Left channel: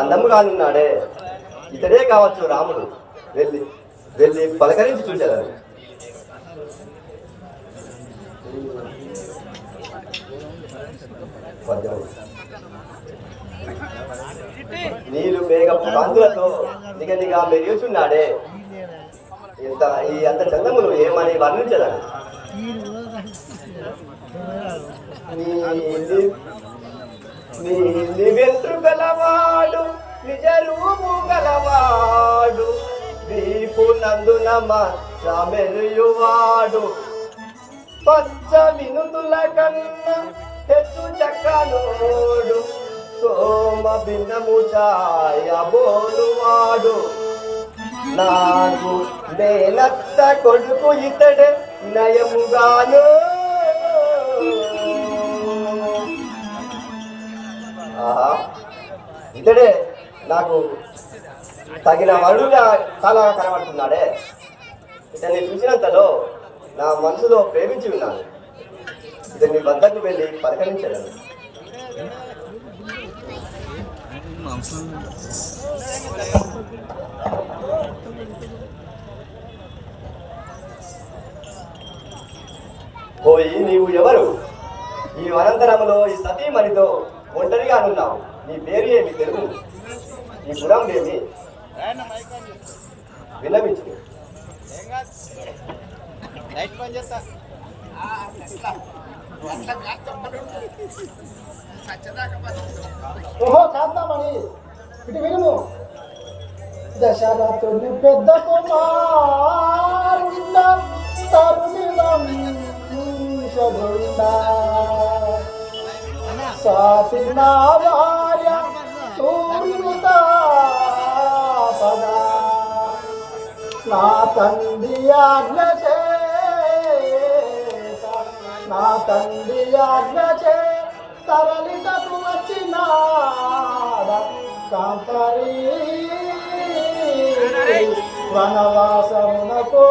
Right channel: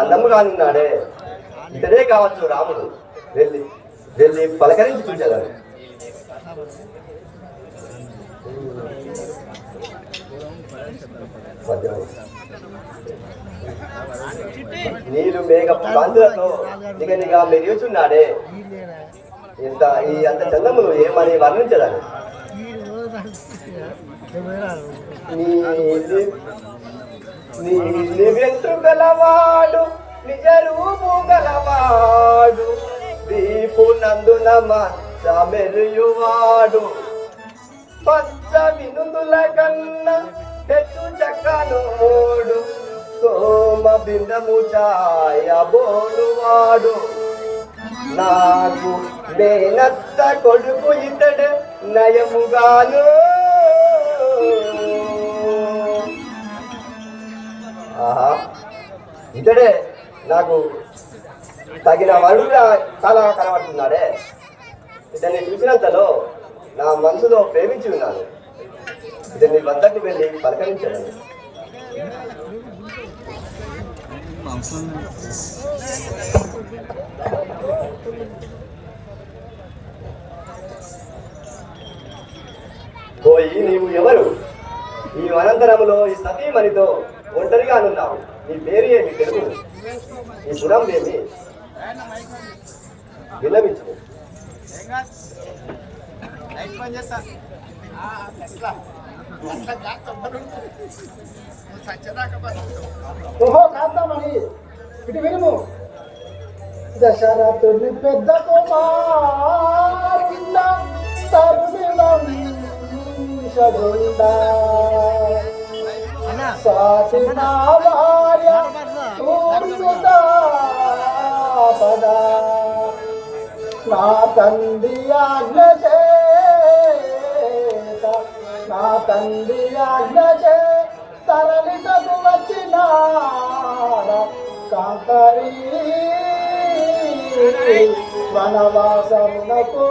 అందంగా ఉన్నాడే, ఇతడే కావచ్చు రాముడు. వెళ్ళి వెళ్ళి పలకరించి చూశాను. నీళ్ళు మేఘపు కాంతులతో నిగనిగా మెరుగుచున్నాడే, అంత చందములు ఏమని వర్ణించదని. వెంట్రుగలవాడు నిజరూపు గలవాడు, వీపు నందున మచ్చ మెరియువాడు, పచ్చ వినుతుల కన్నా హెచ్చు చక్కనోడు, సోమ బిందము ఛాయ బోరువాడు, నాకు నేనత్త కొడుకు ఇతడే నయముగాను. ఇతడే నాకు తగిన వరుడుగా చాలా కనబడుతున్నాడే. ఇతన్ని చూసినంతలో నా మనసులో ప్రేమించి ఉన్నాను. ఇతని వద్దకు వెళ్ళి పలకరించాను. పోయి నీవు ఎవరు? ఈ అనంతరములో ఈ సతీమణితో ఒంటరిగా ఉన్నావు. నీ పేరు ఏమి తెలుగు? నీ గుణం ఏమి? విన్నవించు. ఇటు విను. దశరథుని పెద్ద కుమారుండ నా తండ్రి ఆజ్ఞ చేత తరలిటకు వచ్చినాడ కాంకరీ వనవాసమునకో.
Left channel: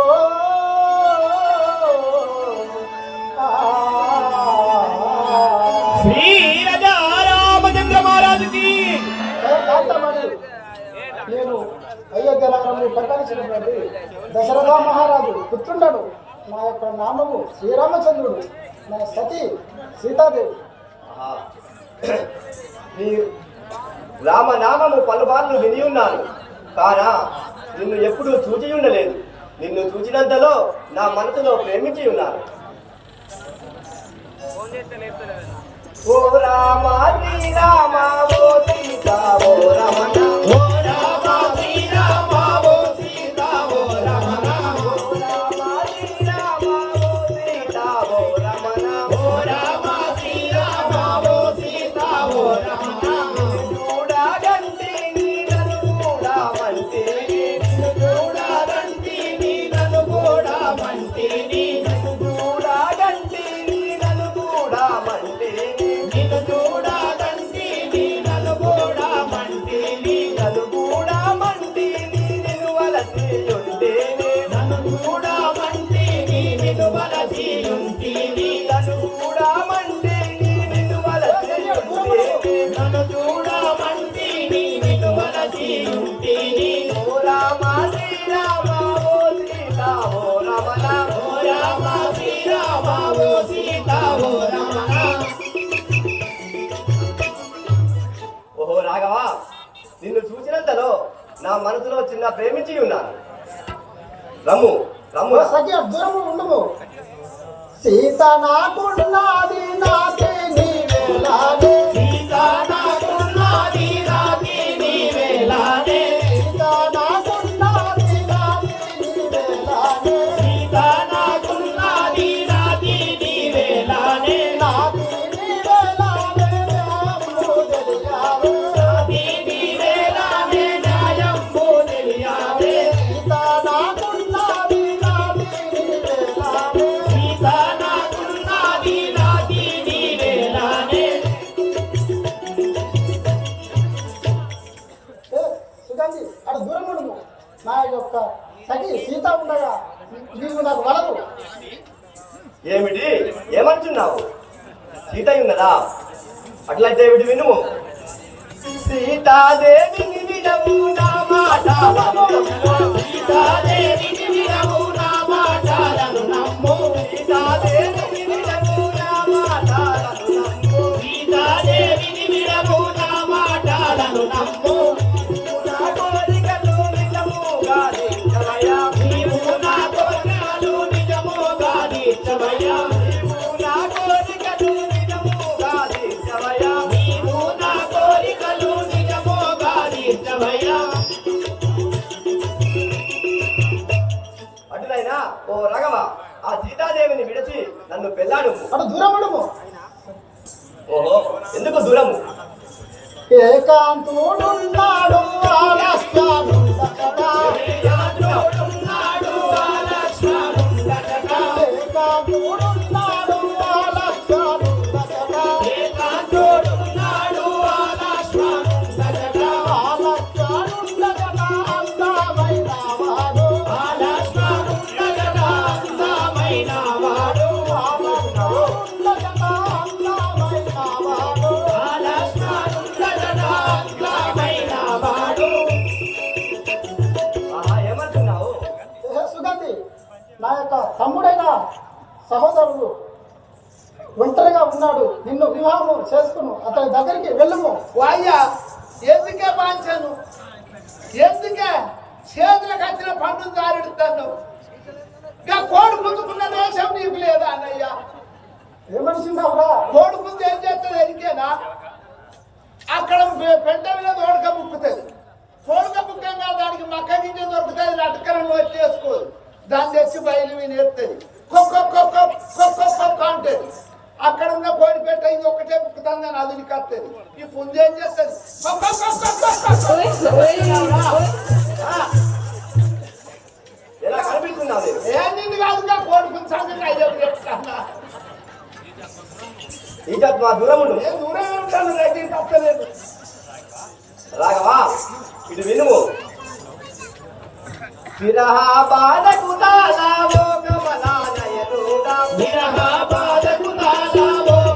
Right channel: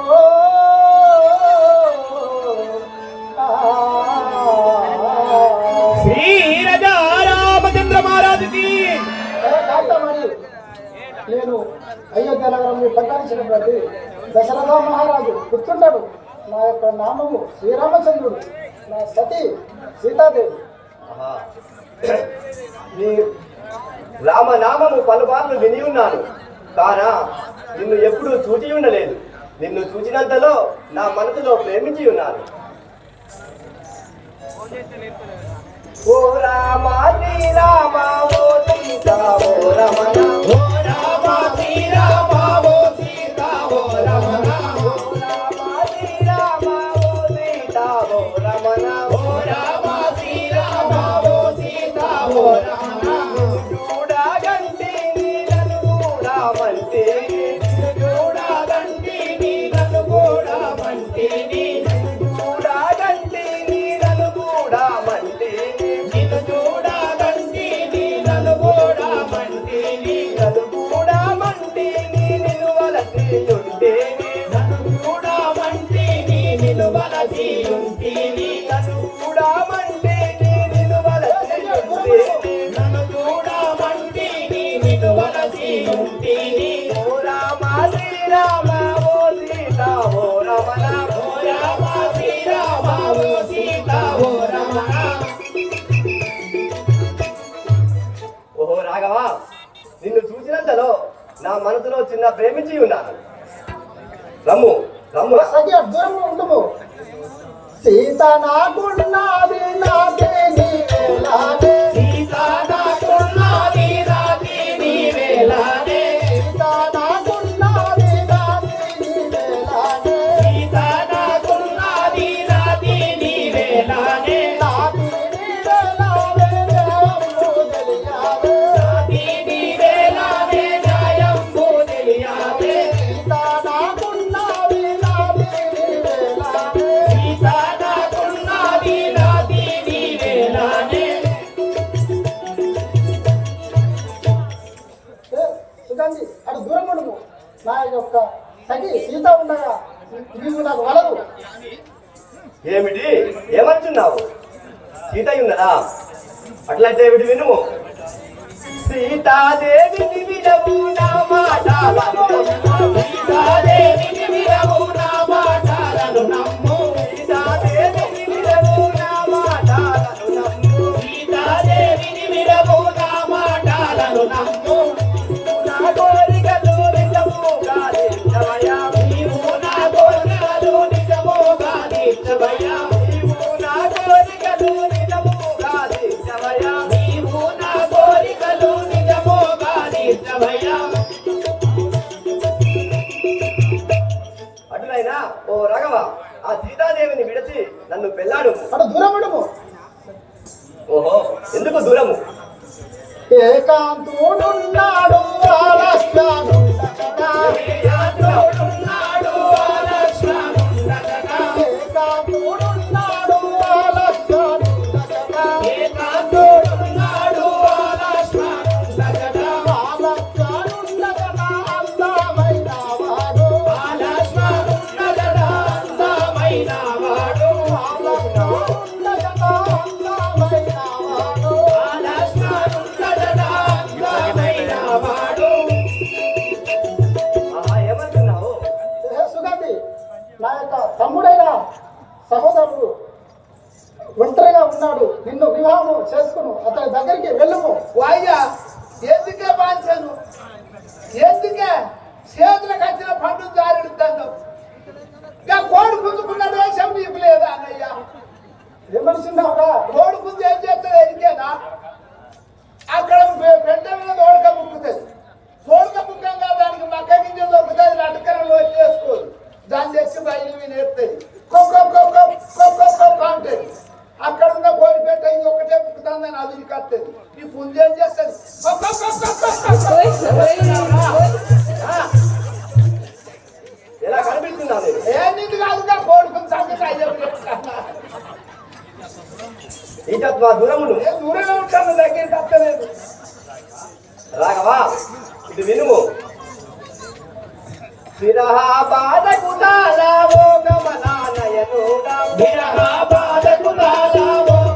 నేను అయోధ్య నగరాన్ని పరిపాలించినటువంటి దశరథ మహారాజు పుత్రుండడు. నా యొక్క నామము శ్రీరామచంద్రుడు, నా సతీ సీతాదేవి. నీ రామనామము పలుమార్లు విని ఉన్నాను, కానా నిన్ను ఎప్పుడూ చూచి ఉండలేదు. నిన్ను చూచినంతలో నా మనసులో ప్రేమించి ఉన్నాను. ఓ రామ నీ రామ ఓ సీతా ఓ రమణ, ఓ రామ నీ రామ ఓ సీతా ఓ రమణ, ఓ రామ నీ రామ ఓ సీతా ఓ రమణ, ఓ రామ నీ రామ ఓ సీతా ఓ రమణ, చూడగంటి నీలను చూడమంటే, చూడగంటి నీలను చూడమంటే, చూడగంటి నీలను చూడమంటే, నిన్ను చూసినంతలో నా మనసులో చిన్న ప్రేమించి ఉన్నాను. రమ్ము రమ్ము దూరము ఉండము. సీత నాకున్నది నాదే నీవేలాగే, సీత నాకున్నది నాదే నీవేలాగే, సీత నాకున్నది నాదే నీవేలాగే, సీత నాకున్నది నాదే నీవేలాగే, నాది నీవేలాగే జయంబు తెలియాగే, నాది నీవేలాగే జయంబు తెలియాగే, సీత నాకున్నది నాదే నీవేలాగే, సీత నాకున్నది నాదే నీవేలాగే. సుగంధి అటు దూరం ఉండము. నా యొక్క సఖి సీత ఉండగా నీకు నాకు వలదు. ఏమిటి ఏమంటున్నావు? సీత ఉన్నదా? అట్లయితే ఏమిటి వినుము. సీతాదేవిని విడవు నా మాటలను నమ్ము సీతాదేవిని విడవు నా మాటలను నమ్ము సీతాదేవిని విడవు నా మాటలను నమ్ము సీతాదేవిని విడవు నా మాటలను నమ్ము నా కోరికలు నిజముగా నిత్యమయ్యా నీవు నా కోరికలు నిజముగా నిత్యమయ్యా నీవు నా కోరికలు నిజముగా నిత్యమయ్యా నీవు నా కోరికలు నిజముగా నిత్యమయ్యా. అటులైనా ఓ రాఘవ ఆ సీతాదేవిని విడిచి నన్ను పెళ్ళాడు. అటు దూరం ఉండము. ఓహో ఎందుకు దూరము? ఏకాంతుడున్నాడు ఆలస్యముండకట. ఏకాంతుడున్నాడు ఆలస్యముండకట. ఏకాంతుడున్నాడు ఆలస్యముండకట. ఏకాంతుడున్నాడు ఆలస్యముండకట. ఆలస్యముండకట అందమైన వాడు. ఆలస్యముండకట అందమైన వాడు. ఆలస్యముండకట అందమైన వాడు. ఆలస్యముండకట అందమైన వాడు. ఆహా, ఏమంటున్నావు? సుగంధి నా యొక్క తమ్ముడైన సహోదరుడు ఒంటరిగా ఉన్నాడు. నిన్ను వివాహం చేసుకును అతని దగ్గరికి వెళ్ళుము. వాయ్యా ఎందుకే బాంచాను ఎందుకే చేతులకు వచ్చిన పండు దారెడుతాను ఇంకా కోడి పుంజుకున్న దేశం నీకు లేదా అన్నయ్య ఏమనిసిందావురా? కోడి పుంజు ఏం చేస్తుంది ఎరికేనా అక్కడ పెంట మీద తోడక ముక్కుతుంది తోడక ముక్కంగా దానికి మక్క గింజ దొరుకుతుంది లటకరంలో వచ్చేసుకోదు దాన్ని తెచ్చి బయలు మీద ఎత్తుంది కొక్క అంటది అక్కడ ఉన్న కోడి పెట్ట ఇది ఒకటే ముక్కుతుందని అది కత్తది ఈ పుంజు ఏం చేస్తుంది ఎలా కనిపిస్తున్నావు నీవు? నిన్ను కాదుగా కోడి పుంజు సంగతి అయ్యప్పుడు చెప్తాను ఈజత్ మా దూరముండు. నేను దూరంగా ఉంటాను దగ్గరికి వస్తలేదు రాఘవా ఇటు వినుము. విరహ బాధకు తాళవో గమనాలయనుడా. విరహ బాధకు తాళవో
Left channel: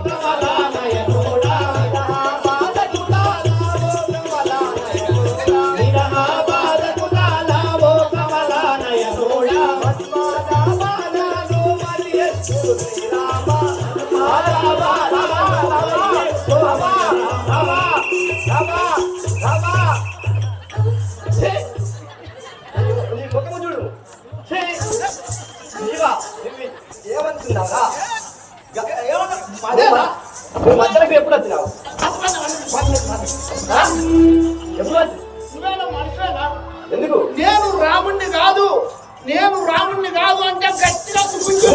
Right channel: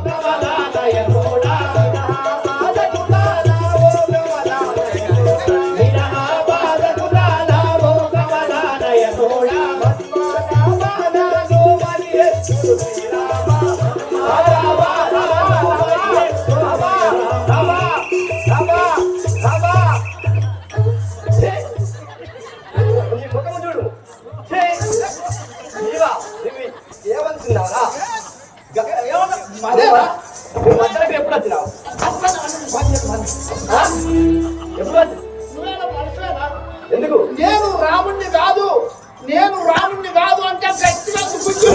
గమనాలయనుడా. విరహ బాధకు తాళవో గమనాలయనుడా. విరహ బాధకు తాళవో గమనాలయనుడా. మన్మథావనను మరియెత్తు దైవమా. మన్మథావనను మరియెత్తు దైవమా. రవా నీ ముఖము చూడు. నీవా ఏమనుకున్నావా? అదేనా మధ్యలోకి ఎప్పుడు వచ్చినావు? ఎప్పుడు వచ్చి నువ్వేనా మనిషివేనా ఎందుకు? నేను రాముణ్ణి కాదు అంటే గట్టిగా గుంజు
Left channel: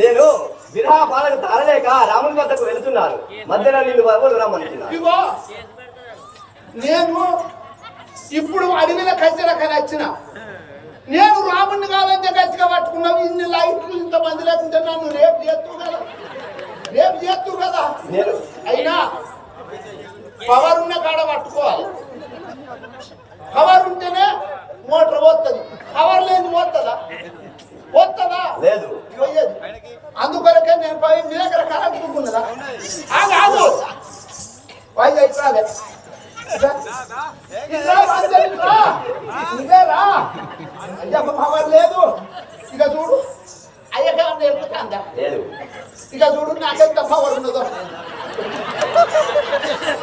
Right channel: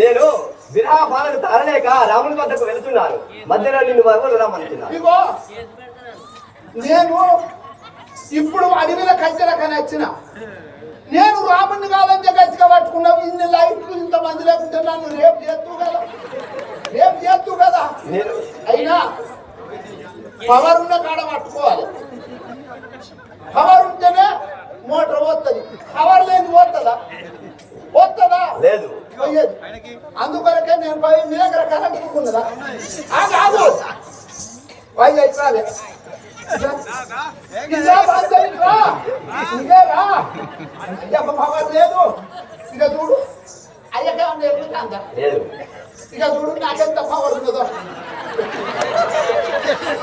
నేను విరహ బాధకు తరలేక రాముని వద్దకు వెళ్తున్నాను. మధ్యలో నిన్ను ఎవరు రమ్మంటున్నారు? ఇదిగో నేను ఇప్పుడు అడవిల కచ్చలక నచ్చిన నేను రాముణ్ణి కాదంటే గట్టిగా పట్టుకున్నావు ఇన్ని లైట్లు ఇంతమంది లేకుంటే నన్ను రేపు చేస్తూ కదా నేను అయినా పవర్ ఉన్న కాడ పట్టుకోవాలి పవర్ ఉంటేనే మోటార్ పోతుంది పవర్ లేదు పోతుందా లేదు. పోయేది అందుకొరకే నేను పోయి మీ దగ్గర కరెంటుకున్నదా కాదు పోయి అయిపోయాలి పవర్ లేదు ఇక చూడు అయ్యకే అన్న ఎరుగుతుందా లేదు. ఇక చూడు నాకెంత పవర్ ఉన్నదో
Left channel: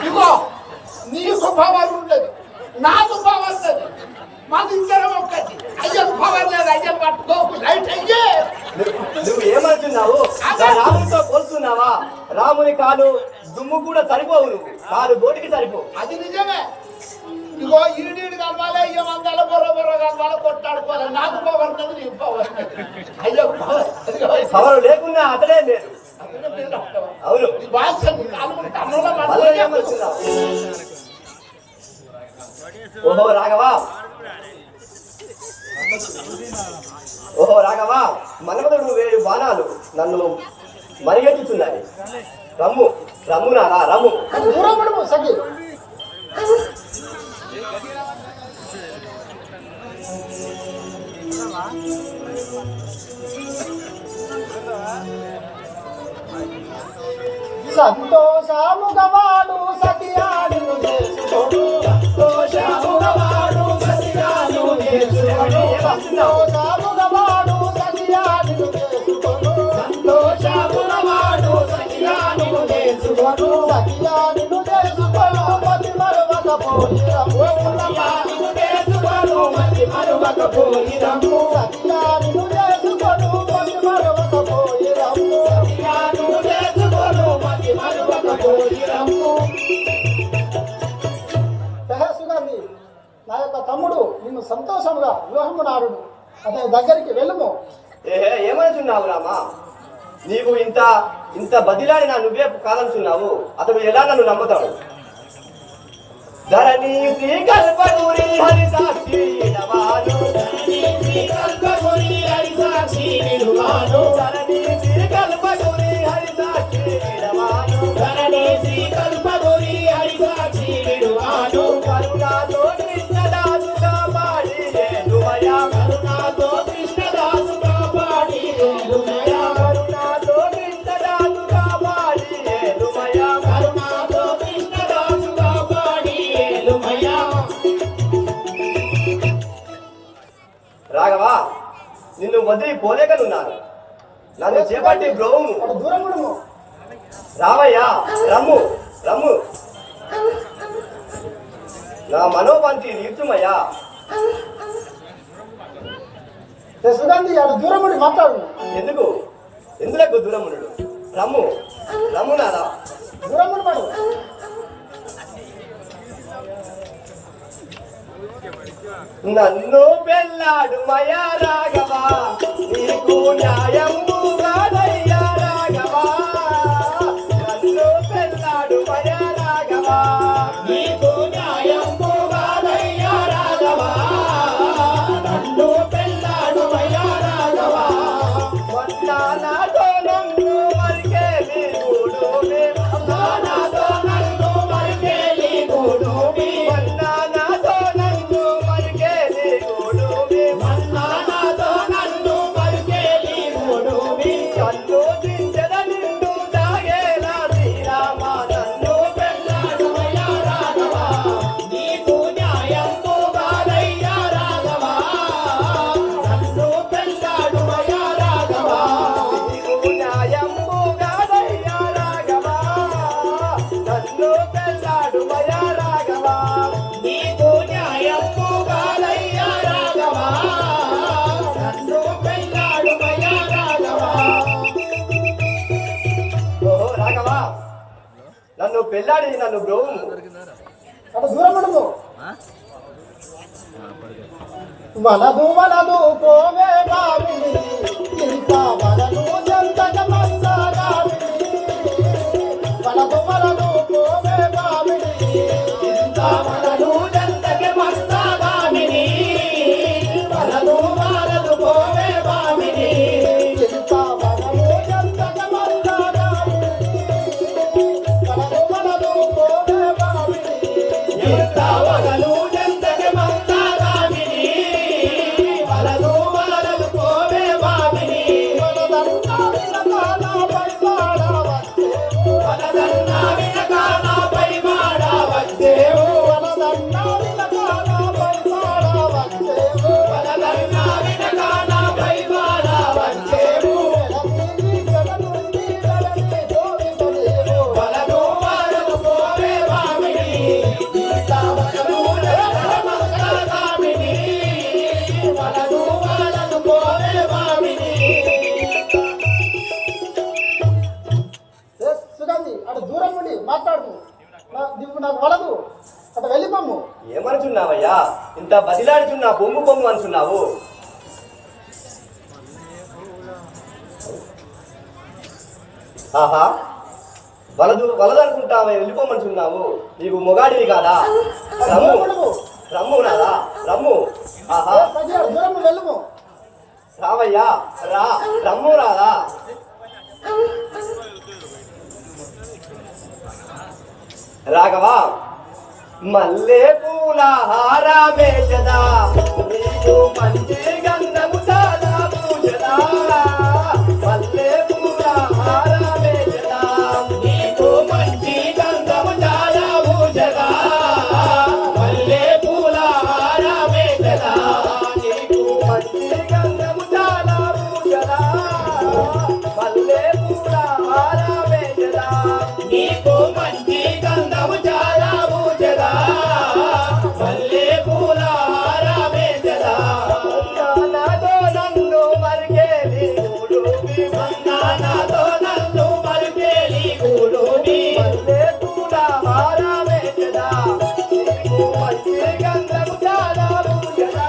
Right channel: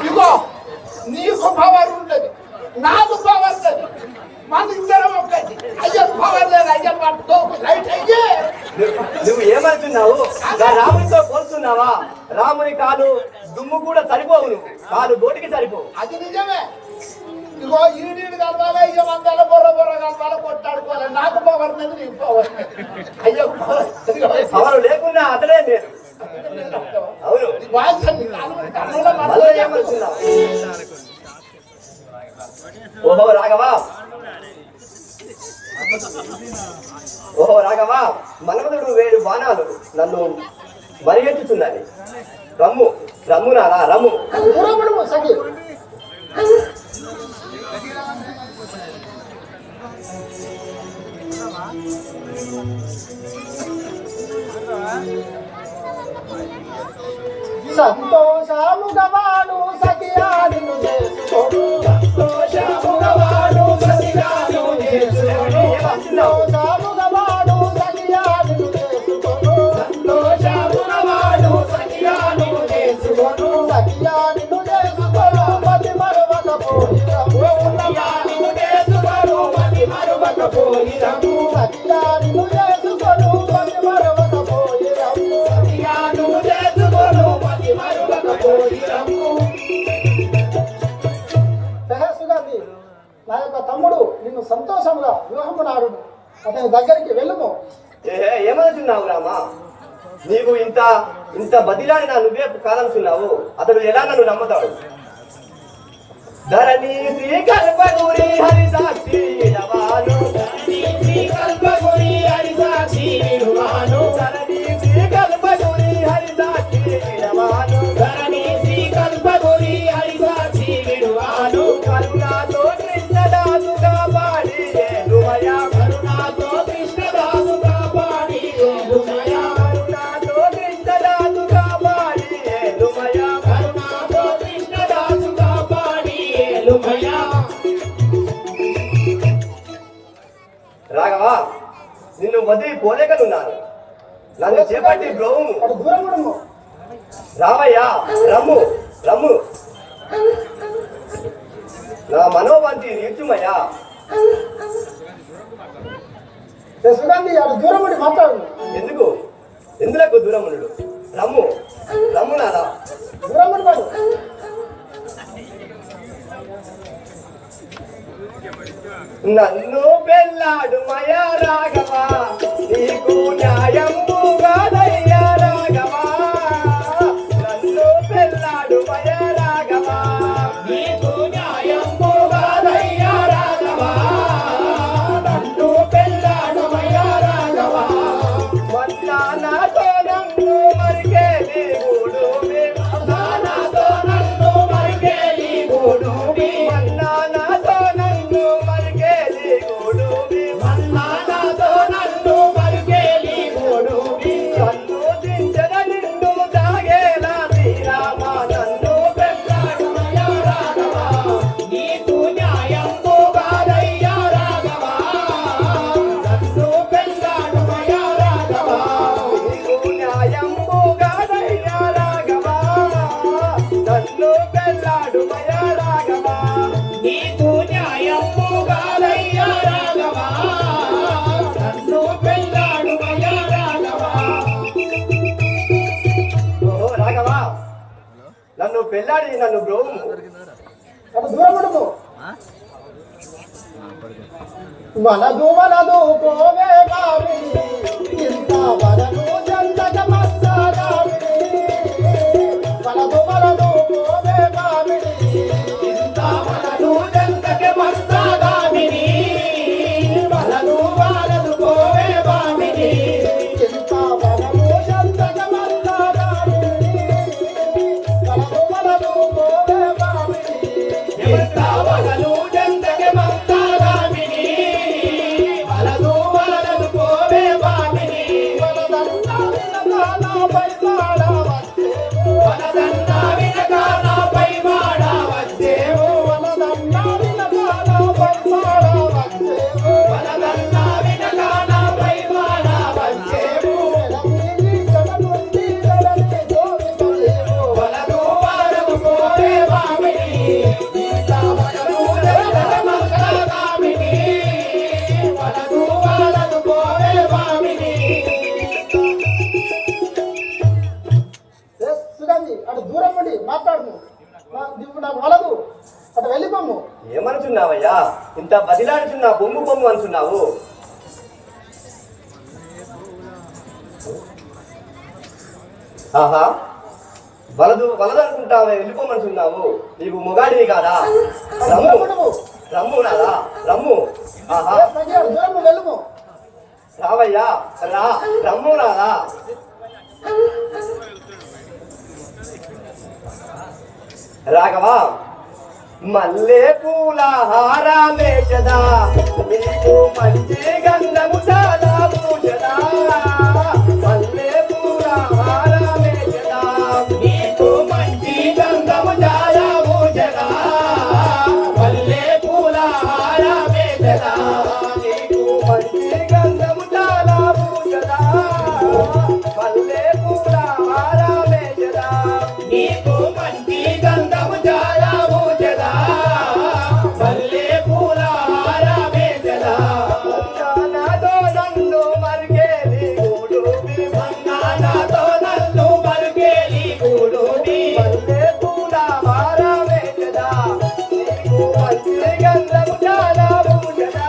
ఇగో నీకు పవర్ ఉండదు నాకు పవర్ లేదు మన ఇద్దరం ఒక్కటి అయ్యకు పవర్ లేదు అయ్యను పట్టుకోకు లైట్ అయ్యే నువ్వు ఏమంటున్నావు? రామునితో పోలుస్తున్నావా? రాముని కాలు దుమ్ము కూడా సరిపోవు. నువ్వు కాలు బోటికి సరిపోవు. అది నిజమే ఇగో ఈడీడు కలవాలి అయ్యో మందాల బొర్ర కలవాలి కొట్టాడుకోవాలి నాకు పవర్ ఉన్నది నీకు పవర్ అయ్యో పవర్ లేకున్నా అతడే లేదు. అవును. ఏమంటున్నావు? ఓహో రాఘవా మన్మధుడు 7 బాణాలు నన్ను మరిగించుతున్నాయి. రమ్ము నారా రమ్ము. దూరముడు సఖి. సంతోషము వివాహము నాడు అతని దగ్గరికి వెళ్ళుము. ఏమనుచున్నావు రామా? నీవు ఇంత ఇంత బదిలాడి నా నువ్వే కాదనుచున్నావు. అతడు ఎలా నన్ను నమ్ముతాడు? ధరణి శ్రీకల్పగురి హరిసాక్షి విడవాను, ధరణి శ్రీకల్పగురి హరిసాక్షి విడవాను, ధరణి శ్రీకల్పగురి హరిసాక్షి విడవాను, ధరణి శ్రీకల్పగురి హరిసాక్షి విడవాను. కరుణాతో కృష్ణదాసు కాపాడి లేలుమయా, కరుణాతో కృష్ణదాసు కాపాడి లేలుమయా, కరుణాతో కృష్ణదాసు కాపాడి లేలుమయా, కరుణాతో కృష్ణదాసు కాపాడి లేలుమయా. రాఘవా, నిన్ను వదిలి పోలేకనున్నాను. నన్ను చేపట్టి బ్రోవుము. అటు దూరం ఉండము. రావయ్యా, రమ్ము రమ్ము. నా మనోవాంతి తీర్చుమయ్యా. సుగంధి అటు దూరం ఉండి మాట్లాడు. ఎందుకు ఎందులకు దూరముడు? రమ్ము రమ్ము నాదా. దూరం ఉండడు. నన్ను పెళ్ళాడు మయా రాఘవా, నీకు న్యాయముగానయ్యా రాఘవా. నన్ను పెళ్ళాడు మయా రాఘవా, నీకు న్యాయముగానయ్యా రాఘవా. నన్ను పెళ్ళాడు మయా రాఘవా. మన్నానాతో నన్ను మరికేలి గూడుమి, మన్నానాతో నన్ను మరికేలి గూడుమి, మన్నానాతో నన్ను మరికేలి గూడుమి, మన్నానాతో నన్ను మరికేలి గూడుమి. కన్ను దించద నిన్ను తాగేలా శ్రీరామ, నన్ను పెళ్ళాడు మయా రాఘవా. నీకు న్యాయంబు కాదయ్యా రాఘవా. నన్ను పెళ్ళాడు మయా రాఘవా. నీకు న్యాయంబు కాదయ్యా రాఘవా. నన్ను పెళ్ళాడు మయా రాఘవా. నీకు న్యాయంబు కాదయ్యా రాఘవా. నన్ను పెళ్ళాడు మయా రాఘవా. ఓహో రాఘవా, నన్ను పెళ్ళాడి నన్ను బ్రోవుము. అటు దూరం ఉండము. మనదు మనదు కోమే బావిని, ఇంత వరము చెందక మత్సరావిని. మనదు మనదు కోమే బావిని, ఇంత వరదు చెందక మత్సరావిని. వరదు వరదు కోవే బామిని, ఇంత వరము చెందక మత్సరావిని. మనదు మనదు కోమే బావిని, ఎంత వరదు చెందక మత్సరావిని. వరదు వరదు కోవే బామిని. వలదంతా వినగాన పైపాడవచ్చేవు. వలదన్నా వినగాన పైవాడా వచ్చేవు. వలదన్నా వినగాన పైపాడవచ్చేవు. వలదన్నా వినగాన పైవాడా వచ్చేవు. వలదు వరదు కోవే బామిని. ఇంత వరదు చెందక మత్సరావిని. వరదు వరదు కోవే బామిని. సుగంధి అటు దూరం నుండి మాట్లాడుము. నీకు నాకు వలదు, అటు వెళ్ళిపోము. ఏమనుచున్నావయ్యా? ఇంత బదిలాడుచున్నా పొమ్ము పొమ్ము అనుచున్నావు. ఆహా, వలదు వలదు అనుకుంటావా? వెళ్ళిపోమనుచున్నావు. నీవు మొగాడివి కాదా? రమ్ము రమ్ము రాదా, రమ్ము. ఆహా, తగ్గినాడు, దూరం నుండి వెళ్ళుము. రావయ్యా, రా, రమ్ము రాదా. రాఘవా, మల్లె పూల హారమేషదా, నీకు మంచి గంధము చాలా పూజదా. మల్లె పూల హారమేషదా, నీకు మంచి గంధము చాలా పూజదా. మల్లె పూల హారమేషదా, నీకు మంచి గంధము చాలా పూజదా. మల్లె పూల హారమేషదా, నీకు మంచి గంధము చాలా పూజదా. మల్లె పూల హారమేషదా. నాతో నన్ను మరికేలి గూడుమి, నాతో నన్ను మరికేలి గూడుమి. మల్లె పూల హారమేషదా, నీకు మంచి గంధము చాలా పూజదా.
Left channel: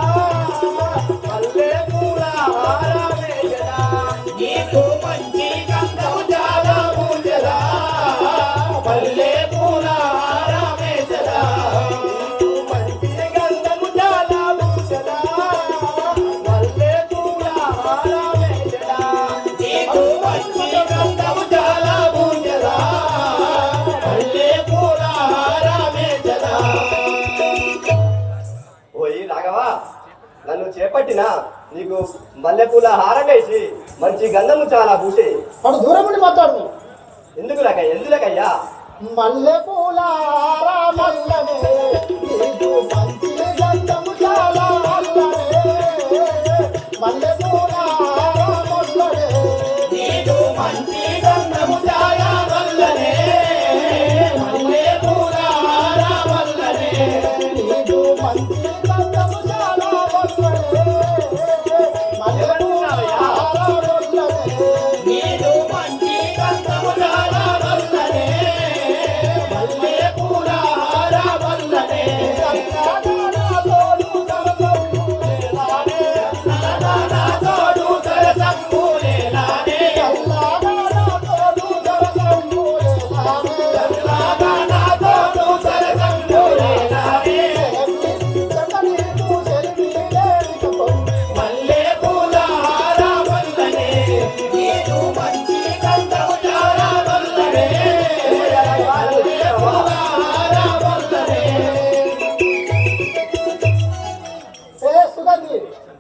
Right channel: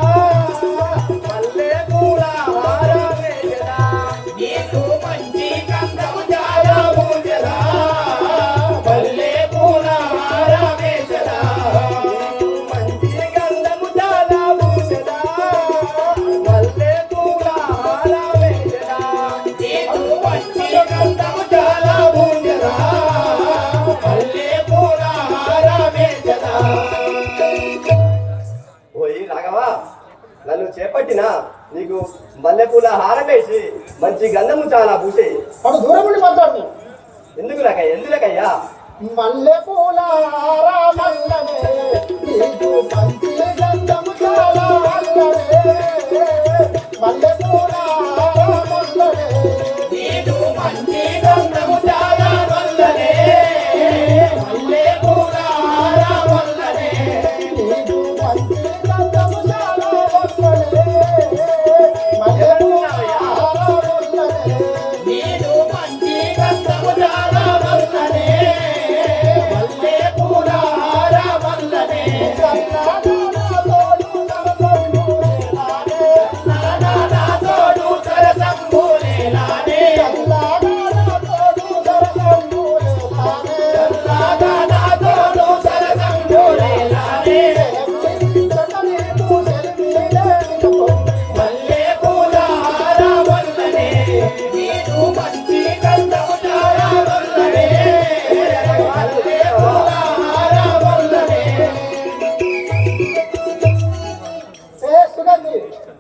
చేపట్టినా నీకు మల్లెపూల హారం వేసి మంచి గంధము చాలా పూసి అటు దూరం నుండి మాట్లాడు. ఎందులకయ్యా మల్లెపూల మల్లనే నీకు మంచి గంధము చాలా వల్లనే. మల్లెపూల మల్లనే నీకు మంచి గంధము చాలా వల్లనే. మల్లెపూల వల్లనే నీకు మంచి గంధము చాలా వల్లనే. మల్లెపూల వల్లనే నీకు మంచి గంధము చాలా వల్లనే. మల్లెపూల వల్లనే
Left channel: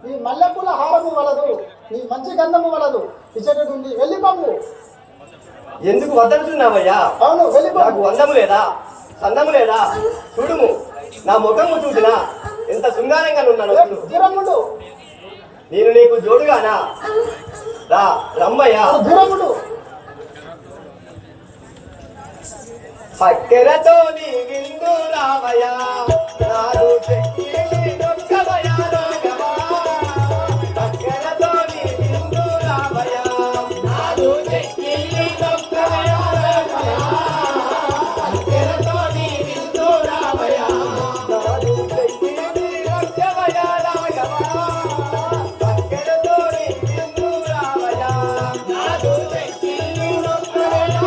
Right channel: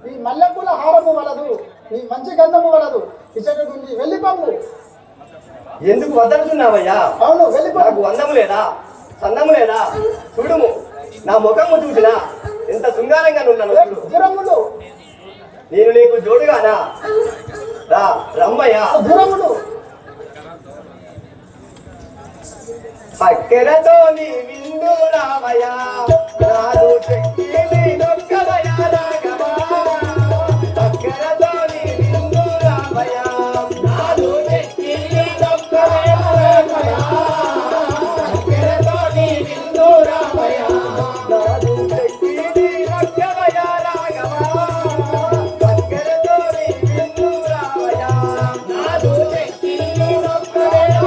నీ మల్లెపూల హారము వలదు, నీ మంచి గంధము వలదు. ఇచ్చటి నుండి వెళ్ళిపోము. ఎందుకు వద్దనుచున్నావయ్యా? అవును, వెళ్ళిపో. నాకు అందము లేదా, సందము లేదా? చూడుము, నా ముఖము చూసినా ఎంత శృంగారంగా ఉన్నాను. దూరముడు, నేను నీకు జోడుగానా? రా రమ్మయ్యా. దూరముడు. పక్కరతో నీ విందు రామయ్యా. నాను చెక్కి నీ నొక్కవయ్యా రాఘవా. పక్కరతో నీ విందు రామయ్యా. నాను చెక్కి నీ నొక్కవయ్యా రాఘవా. పక్కరతో నీ విందు రామయ్యా. నాను చెక్కి నీ నొక్కవయ్యా రాఘవా. పక్కరతో నీ విందు రామయ్యా. నాను చెక్కి నీ నొక్కవయ్యా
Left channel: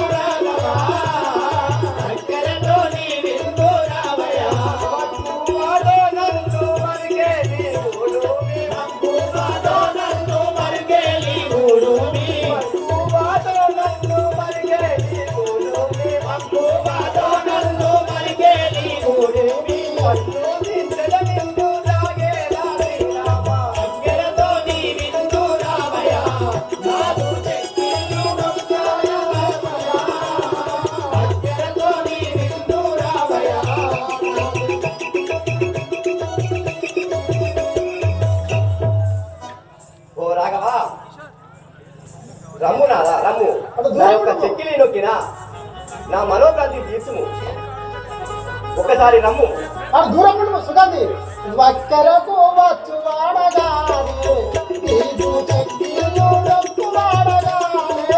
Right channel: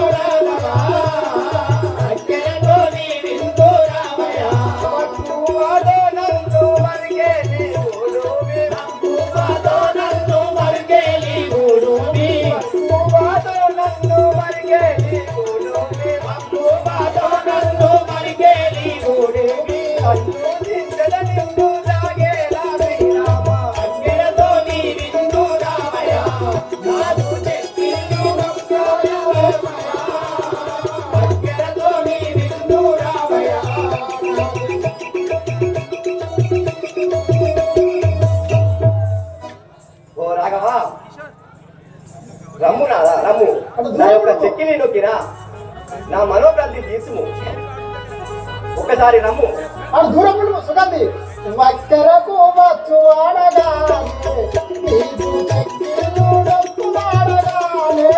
రాఘవా. రమ్ము నాదా రమ్ము. నా యొక్క చెక్కిలి నొక్కిరా, నా మనోభ్రాంతి తీసుము. ఒకసారి రమ్ము. అటు దూరముడు సుగంధి. వక్కరకు వచ్చువాడగానే నీకు చెక్కిలు నొక్కువాడగానే.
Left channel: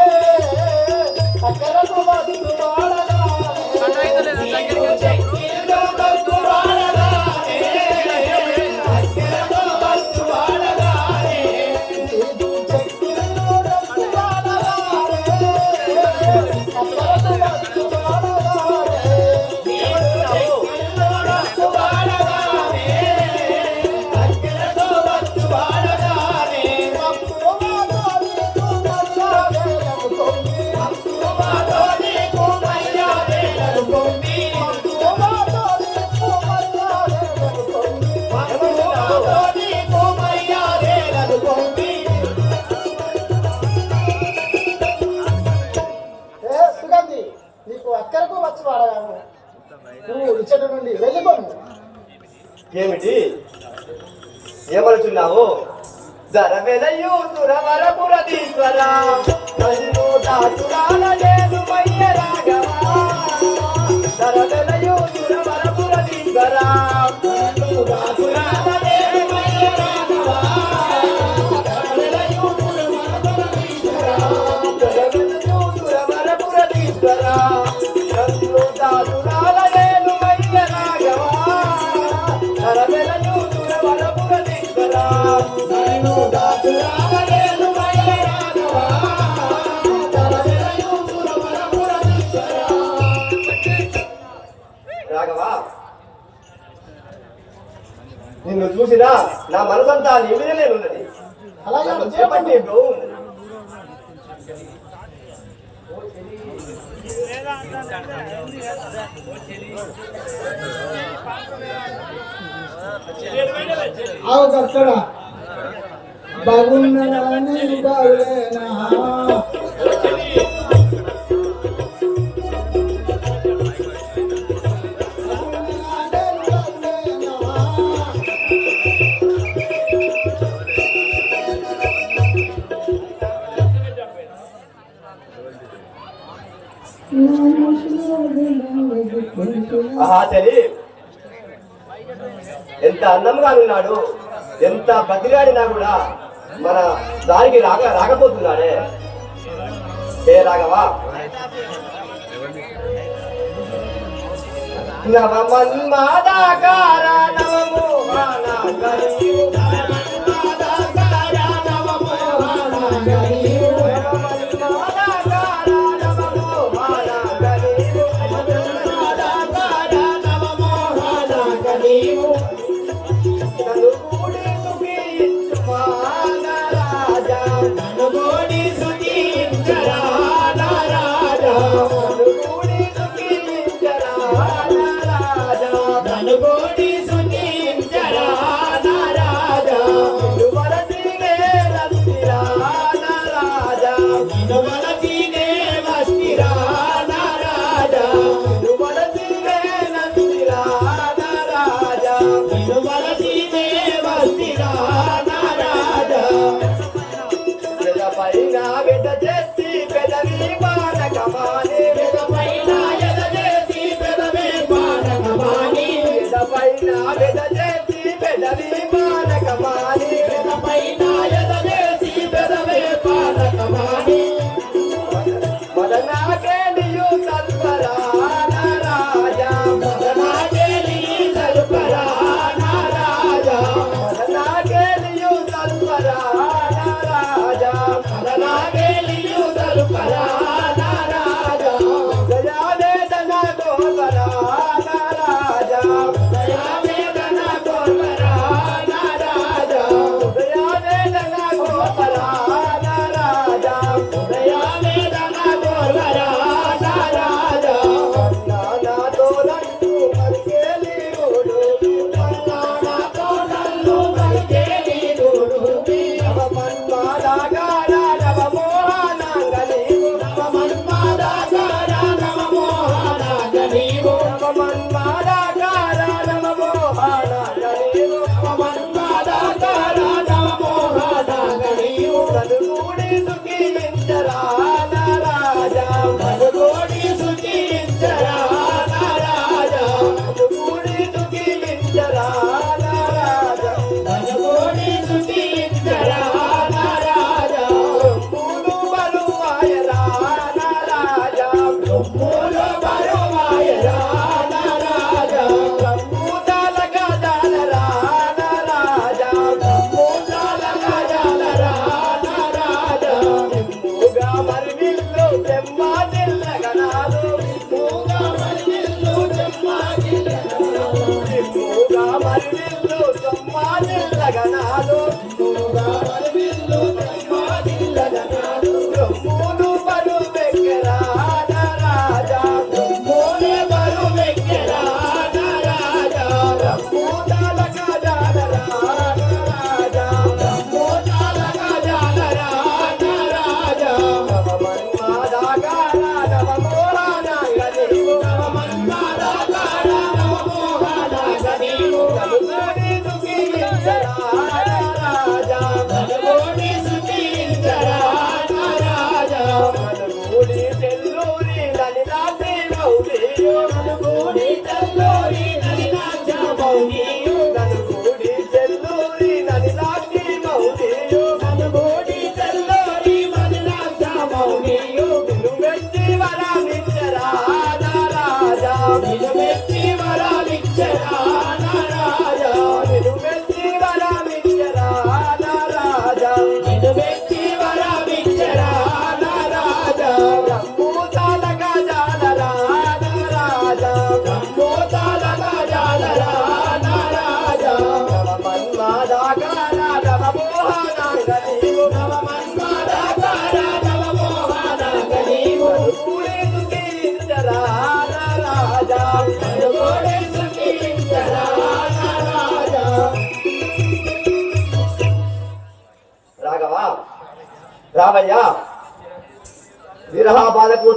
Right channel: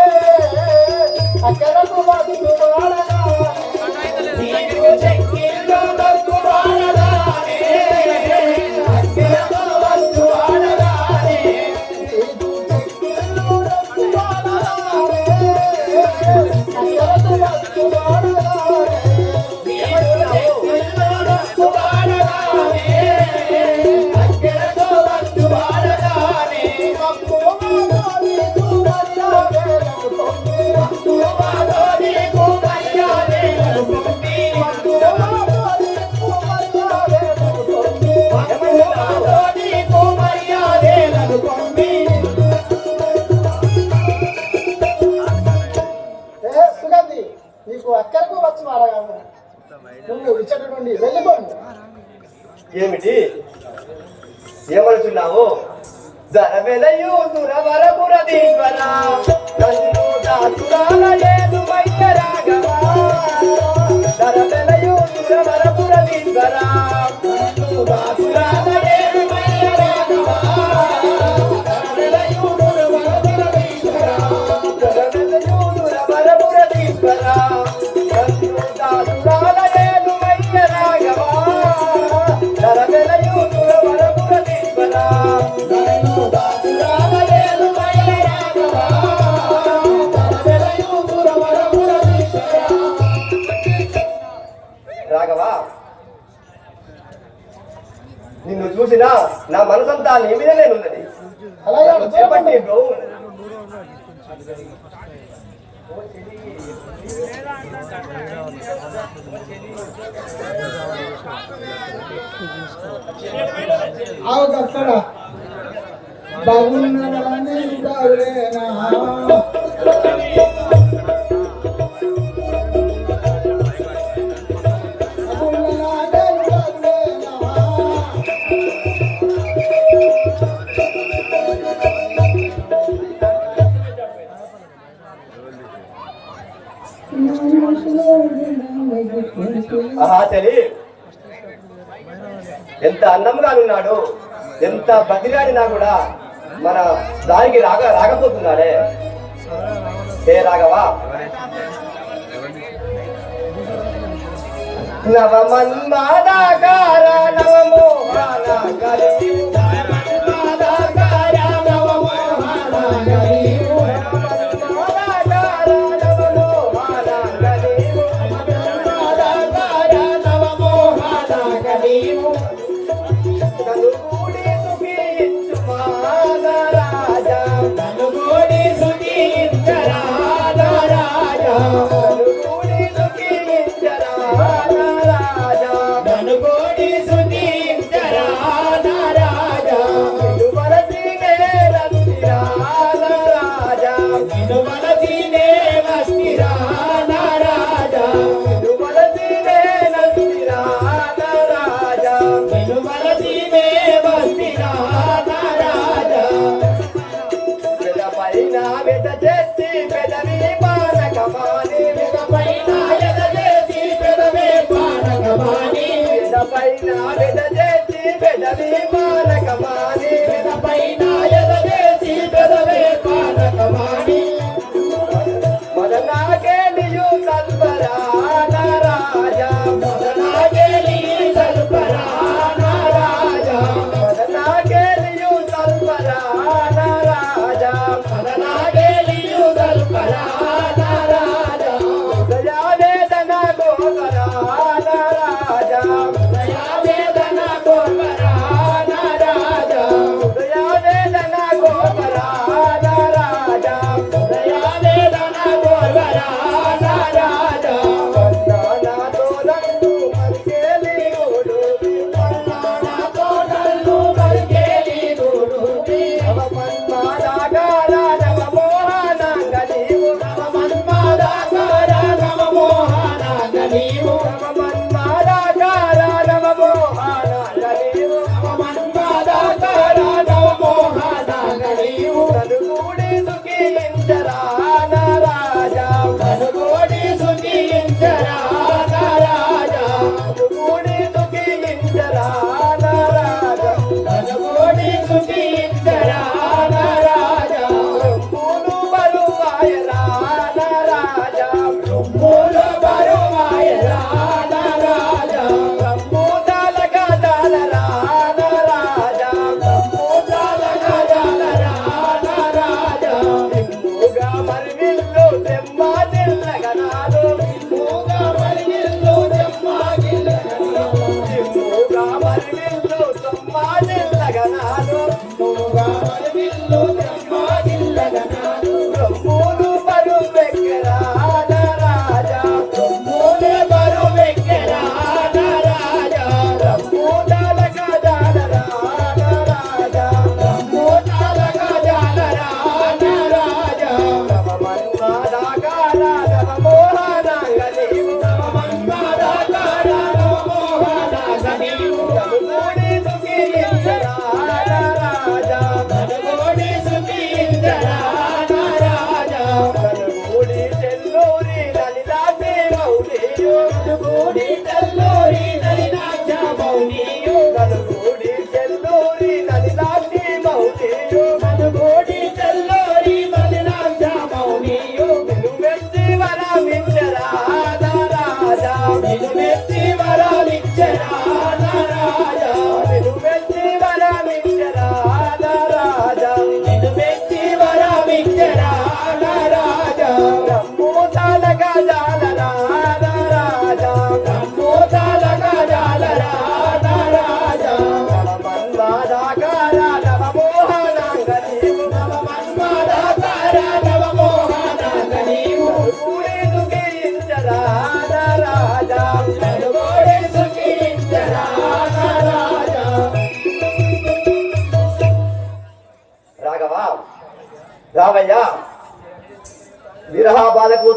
అక్కరకు వచ్చువాడగానే నీకు చెక్కిలు నొక్కువాడగానే. అక్కరకు వచ్చువాడగానే నీకు చెక్కిలు నీకు అక్కరకు వచ్చి వాడగాను. నువ్వు ఇచ్చటి నుండి వెళ్ళిపోము. ఏమిటి ఏమనుచున్నావు? ధరవెలయు సురవరపురదీశ్వర కల్లో దాసురాలయేసు వయ్య రాఘవా. ధరవెలయు సురవరపురదీశ్వర కల్లో దాసురాలయేసు వయ్య రాఘవా. ధరవెలయు సురవరపురదీశ్వర ధరవెలయు సురవరపురదీశ్వర కల్లో దాసురాలయేసు వయ్య రాఘవా. ధరవెలయు సురవరపురదీశ్వర కల్లో దాసురాలయేసు వయ్య రాఘవా. ధరవెలయు సురవరపురదీశ్వర. రాఘవా, నిన్ను చూసినా నా మనసంతా నీ మీదనే ఉన్నది. అలాగే చేపట్టి బ్రో. ఆవు భక్తుడా, బాగున్నావని బాగులేనా ఆహా చలి ఎంత అందంగా ఉన్నాడు, ఎంత బతిరాడినా కూడా మన దానికి రాకపోతున్నాడే. ఏ రాఘవా నవమన్మదాకార నమో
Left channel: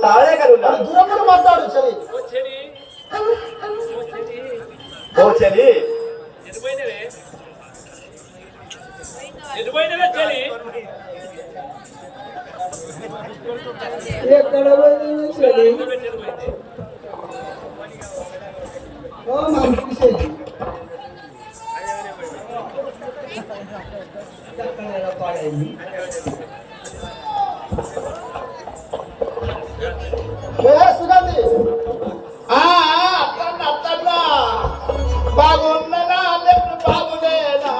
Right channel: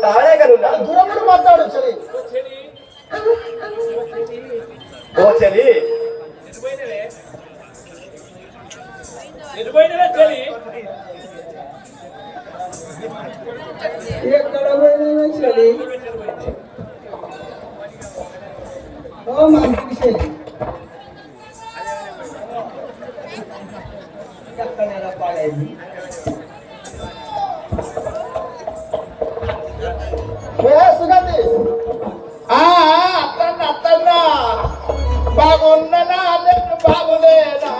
తానే కనున్నా దూరం కూడా మాట్లాడు సరే ఓ చెలి ఎటుపోయినవే చెలి ఎక్కడ పోయినా సరే ఓ మంచి సరే సుగంధి అత్తన్న బాగున్నా బాగులేదా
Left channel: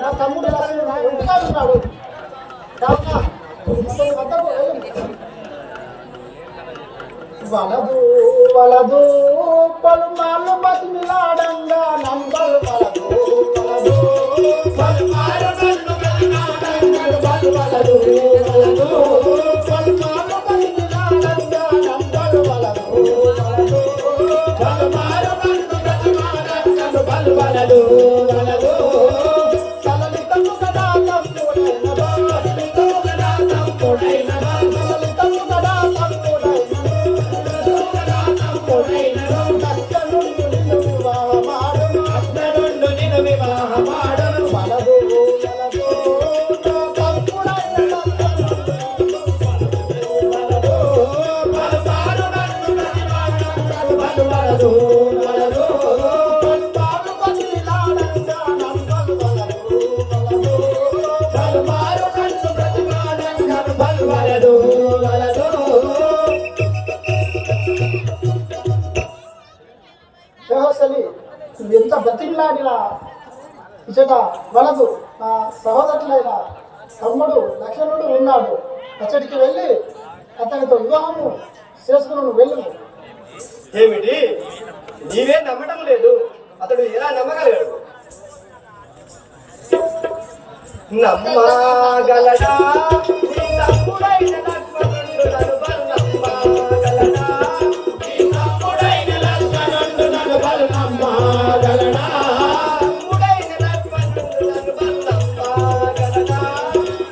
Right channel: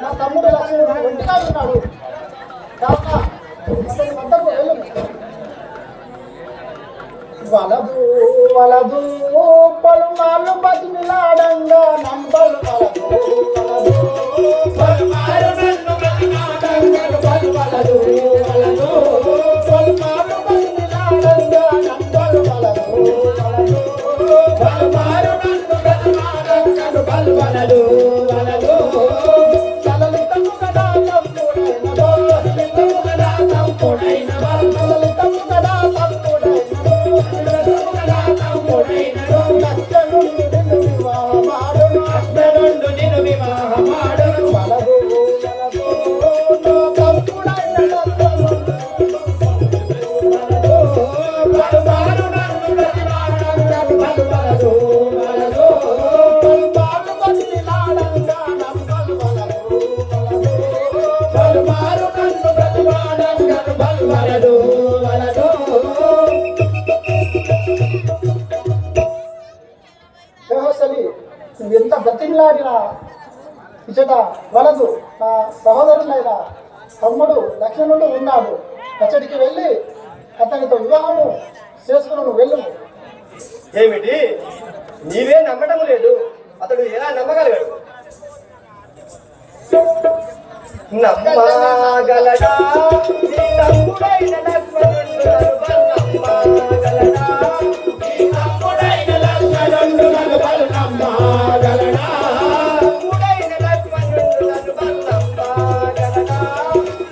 నా తమ్ముడు లక్ష్మణుడు నాకు ఇంకా ఉన్నాడు కావున ఇతని వద్దకు వెళ్ళు. వలదు వలదు పలుమార్లు బతిమిలాడంగా నంబలు పలుమార్లు నన్ను బతిమిలాడంగా బలు వలదు వలదు పలుమార్లు బతిమిలాడంగా నంబలు వలదు పలుమార్లు నన్ను బతిమిలాడంగా బలు వలదు నువ్వు ఎంత బతిమిలాడినా ఇచ్చట వలదు. నా సహోదరులైన తమ్ముడు లక్ష్మణుడు ఉన్నాడు, అచ్చడికి వెళ్ళి అతనితో వివాహము చేసుకుని నువ్వు వెళ్ళు. ఏమిటి నీవే నమ్మటం లేదు, అతడు ఎలా నమ్మగలగాడు? నమ్మగలడా నీ తమ్ముడైన లక్ష్మణుడు నమ్మగలడా? నీ తమ్ముడైన లక్ష్మణుడు నమ్మగలడా? తమ్ముడైన లక్ష్మణుడు నమ్మగలడా?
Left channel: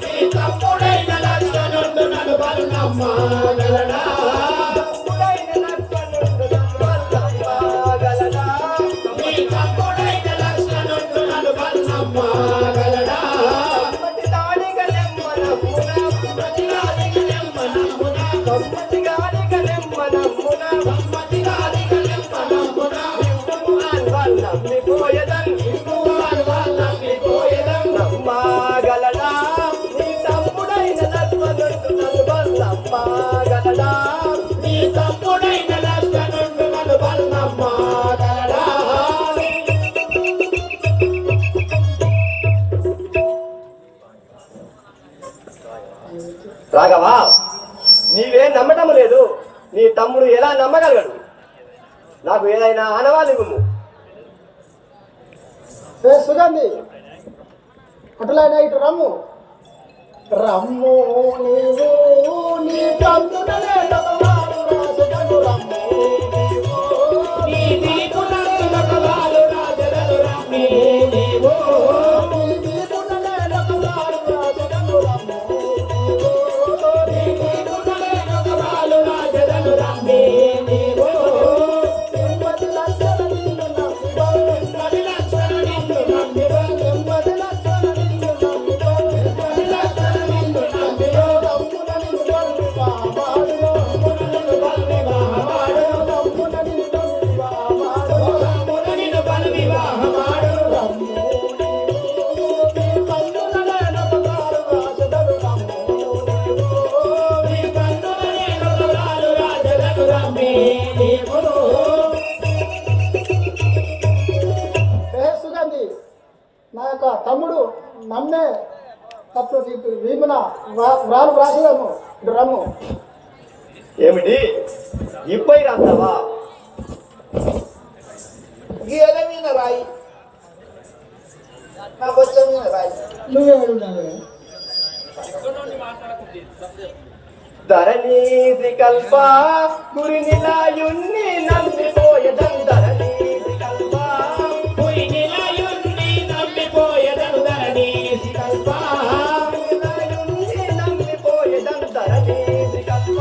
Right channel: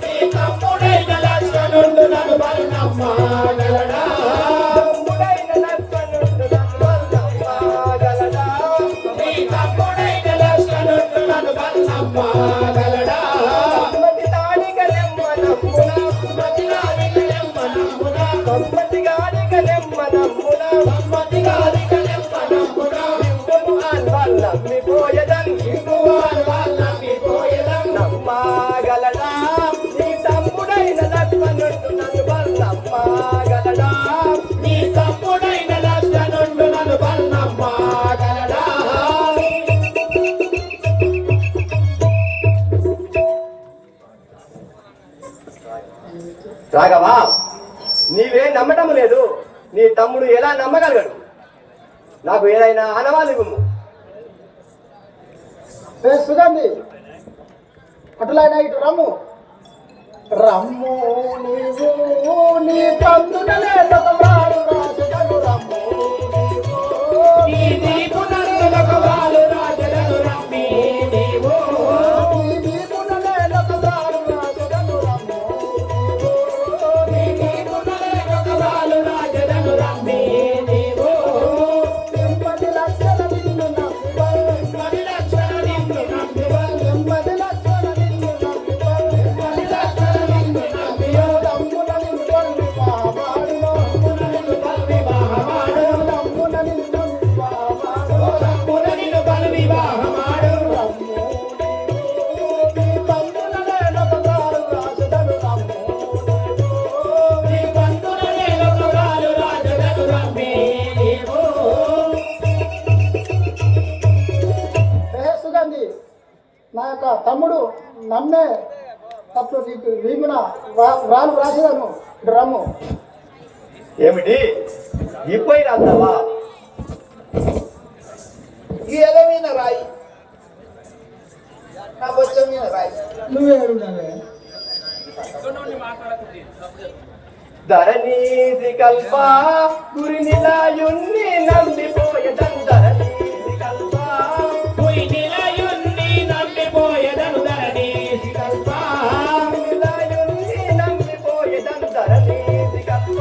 నీ తమ్ముడైన లక్ష్మణుడు నమ్మగలడా? తమ్ముడైన లక్ష్మణుడు నమ్మగలడా? నీ తమ్ముడైన లక్ష్మణుడు నమ్మగలడా? రాఘవా, నీవే నమ్మటం లేదు, నీ తమ్ముడు ఎలా నమ్మగలగడు? నాకు ఏదైనా ఆనవాళ్ళు ఇవ్వు. సుగంధి అటులైన ఇటు రమ్ము రమ్ము నీవు నీ తమ్ముడలే నమ్మవాడు రాజగలు రమ్ము నీ దీపునలే నమ్మవాడు రాజగలు రమ్మి నీవు నీ దీపునలే నమ్మవాడు రాజగలు రమ్ము నీ దీపునలే నమ్మవాడు రాజగలు రమ్మి నీవు ఎంపటి లక్షణ నిన్ను నమ్మివా ఎంపటి లక్షణ నిన్ను నమ్మివా ఎంపటి లక్షణ నిన్ను నమ్మివా ఎంపటి లక్షణ నిన్ను నమ్మివా తమ్ముడ నిన్ను నమ్మి మహామాడులో తమ్ముడ నిన్ను బల్లి మహామాడులో తమ్ముడ నిన్ను నమ్మి మహామాడులో తమ్ముడ నిన్ను బల్లి మహామాడులో నీ తమ్ముడలే నమ్మవాడు రాజగలు రమ్ము నీ తమ్ముడలే నమ్మవాడు రాజగలు రమ్మి నీవు. సుగంధి నా యొక్క తమ్ముడు నమ్మే తప్పుడు వీమున రాను రాసేదాను ఇటు రమ్ము. ఏమిటి ఇప్పై రాస్తావా? గేల మీద రాయి నాకు వచ్చే మీద రాయి నువ్వే ఉండాలి. ధరణీది కల్ప గురి నిలయున్ని నమ్మిపోయదం ధరణీది కల్ప గురి నిలయున్ని నమ్మిపోయదం ధరణీది కల్ప నిలయున్ని నమ్మిపోయదం ధరణీది కల్ప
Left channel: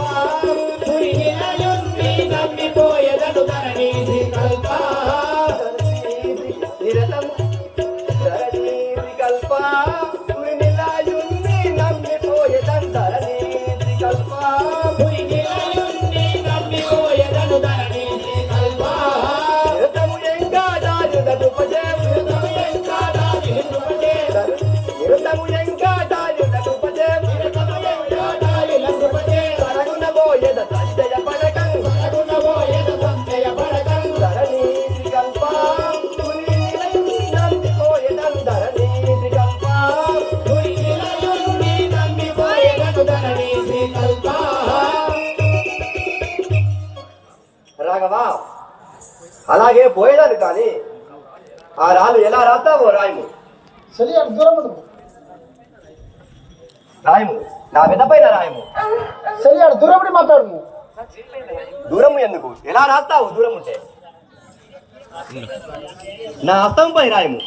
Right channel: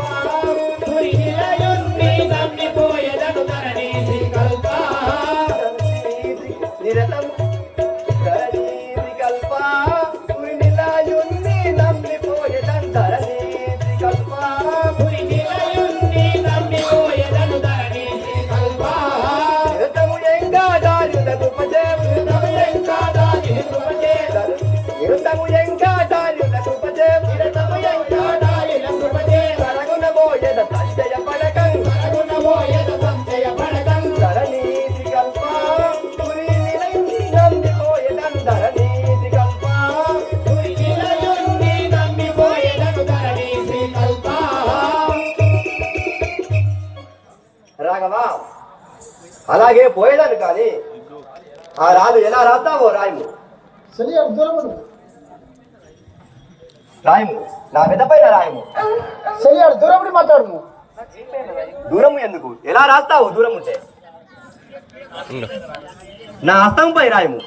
గురి నిలయున్ని నమ్మిపోయదం ధరణీది కల్ప నిరతము ధరణీది కల్ప గురి నిలయున్ని నమ్మిపోయదం ధరణీది కల్ప గురి నిలయున్ని నమ్మిపోయదం ధరణీది కల్ప నిరతము ఎంగాదారులకు పదేవు నిరతము ఎంగాదారులకు పదేవు నిరతము ఎంగాదారులకు పదేవు పడగున పోయద సంజయ పడకం ధరణీది కల్ప గురి నిలయున్ని నమ్మిపోయదం ధరణీది కల్ప గురి నిలయున్ని నమ్మిపోయదం ధరణీది కల్ప రాఘవా అలాగే పోయేదాన్ని కానీ ఆ రాళ్ళు ఎలా రాస్తావో రాయము చెలియాడు దూరం ఉండు. రాయము నా మీద పైన రాయము చెలియాడు దూరం ఉండి మాట్లాడు నువ్వు. దూరము ఎందుకు ఎలా రాస్తావు దూరం ఉంటే నా హస్తంపై రాయము